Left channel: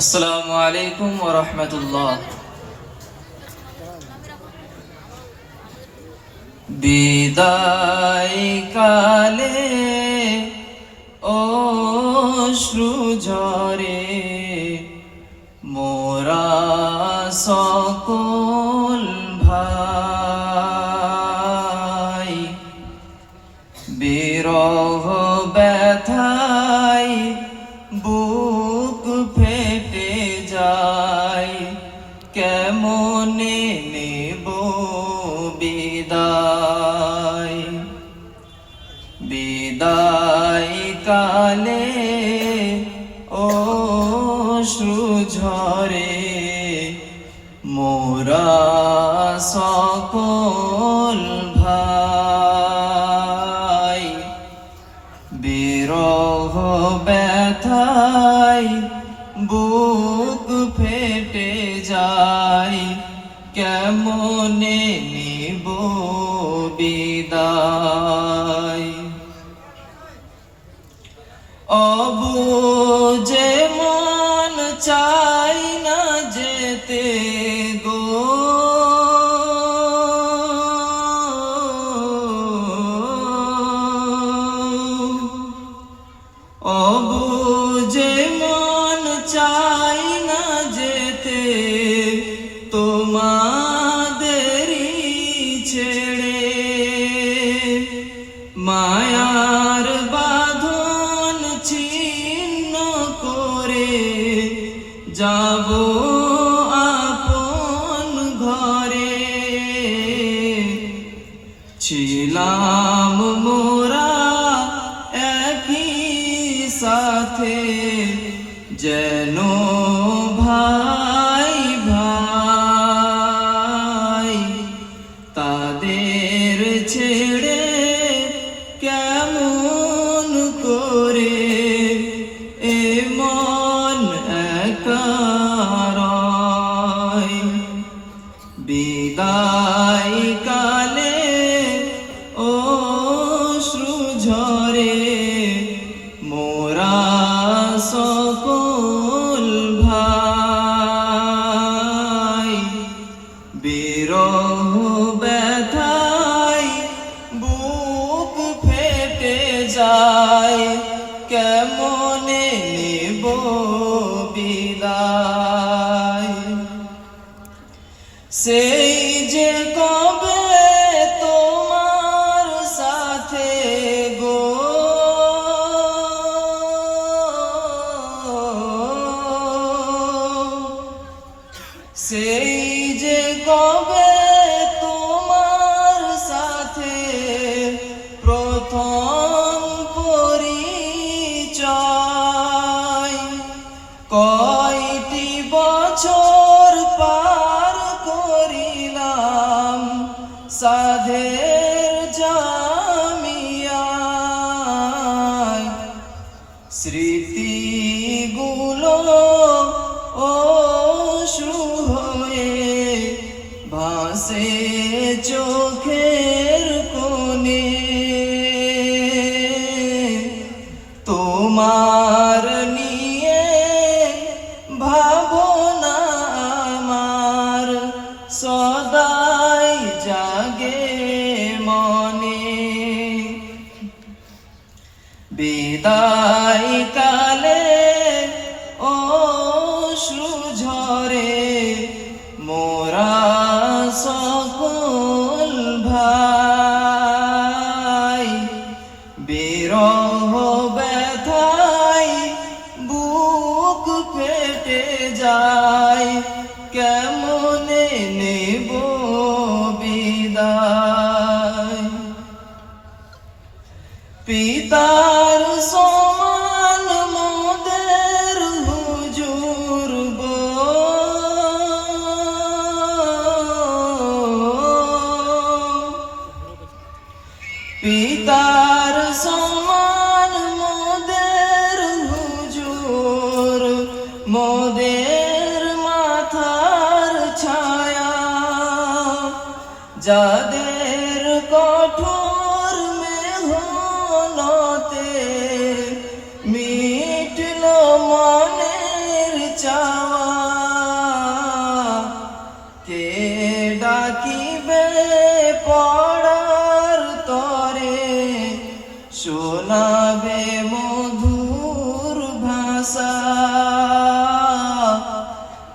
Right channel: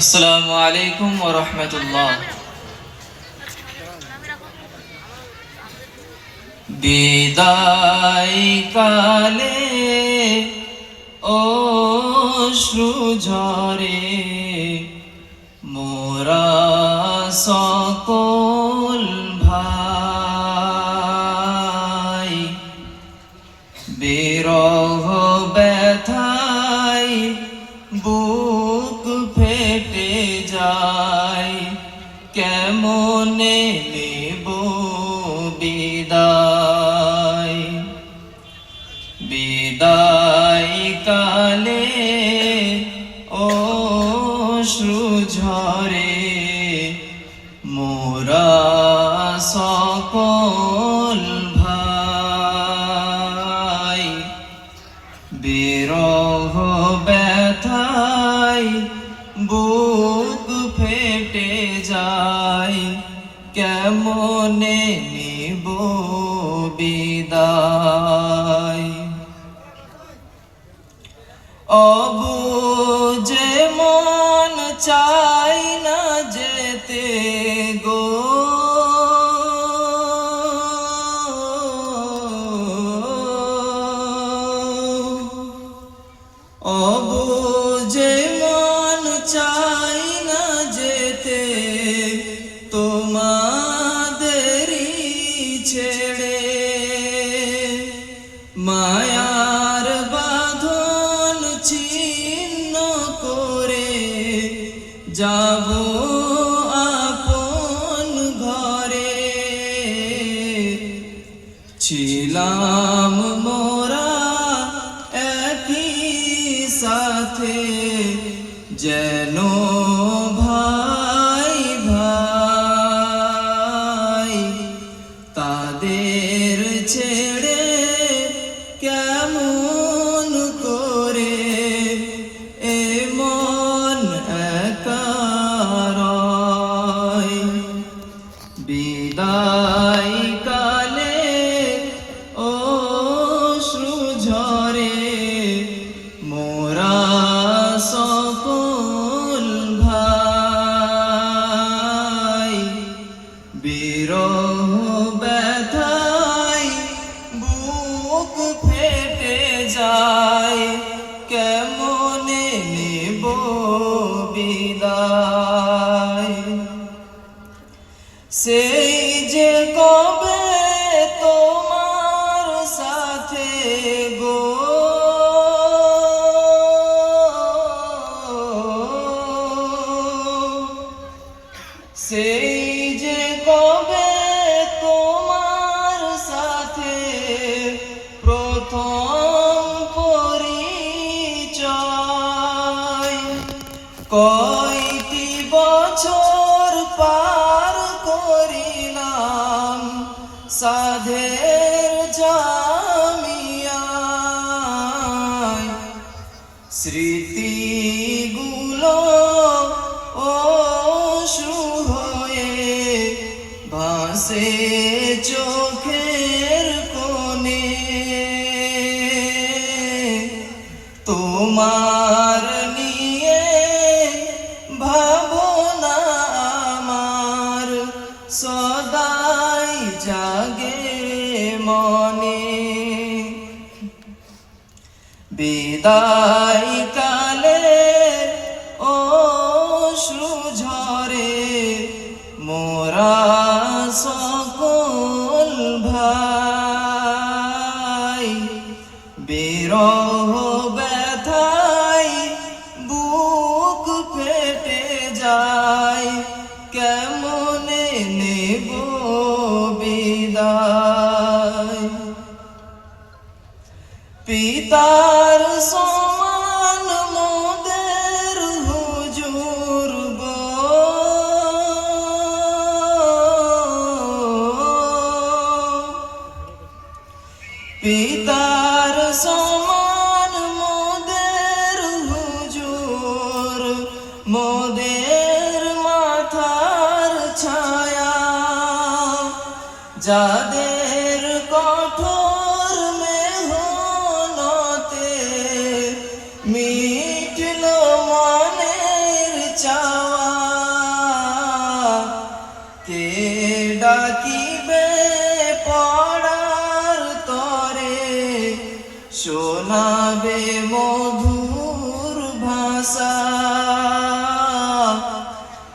আসসালামু আলাইকুম ওয়া রাহমাতুল্লাহ। বিদায় কালে অশ্রু ঝরে মোরা সকল ভাই, বিরহ ব্যথায় বুক ফেটে যায়, কেমনে নেব বিদায়। বিদায় কালে অশ্রু ঝরে মোরা সকল ভাই, বিরহ ব্যথায় বুক ফেটে যায়, কেমনে নিব বিদায়। অবুঝে মন চাই না যেতে গো, অবুঝে মন চাই না যেতে তোমাদেরই ছেড়ে, মায়ার বাঁধন ছিন্ন করে যাব আপন ঘরে। ছিলাম মোরা একই সাথে যেন ভাই ভাই, তাদের ছেড়ে কেমন করে এ মন একা রয়। বিদায় কালে অশ্রু ঝরে মোরা সকল ভাই, বিরহ ব্যথায় বুক ফেটে যায়, কেমনে নেব বিদায়। সেই যে কবে তোমার সাথে গো, সেই যে কবে তোমার সাথে প্রথম পরিচয়, কয়টি বছর পার করিলাম সাধের জামিয়ায়, স্মৃতিগুলো অশ্রু হয়ে ভাসে চোখের কোণে। তোমার নিয়ে ভাবনা আমার সদাই জাগে মনে। বিদায় কালে অশ্রু ঝরে মোরা সকল ভাই, বিরহ ব্যথায় বুক ফেটে যায়, কেমনে নেব বিদায়। পিতার সমান মোদের হুজুর গো, পিতার সমান মোদের হুজুর, মোদের মাথার ছায়া, যাদের কঠোর মেহনতে শোনাবে মধুর ভাষা,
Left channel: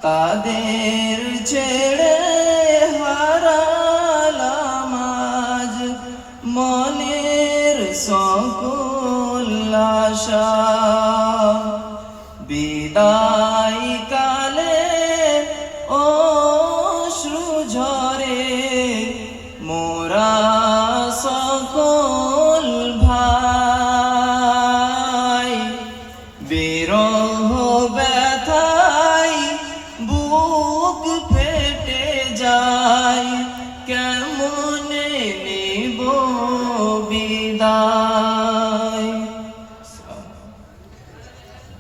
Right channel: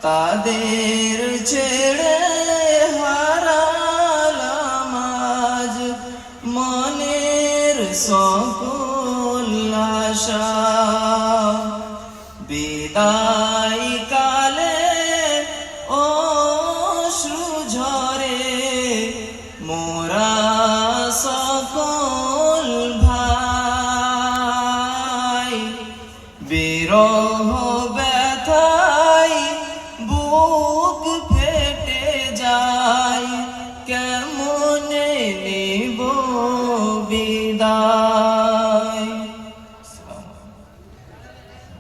তাদের ছেড়ে হারালাম আজ মনের সকল আশা।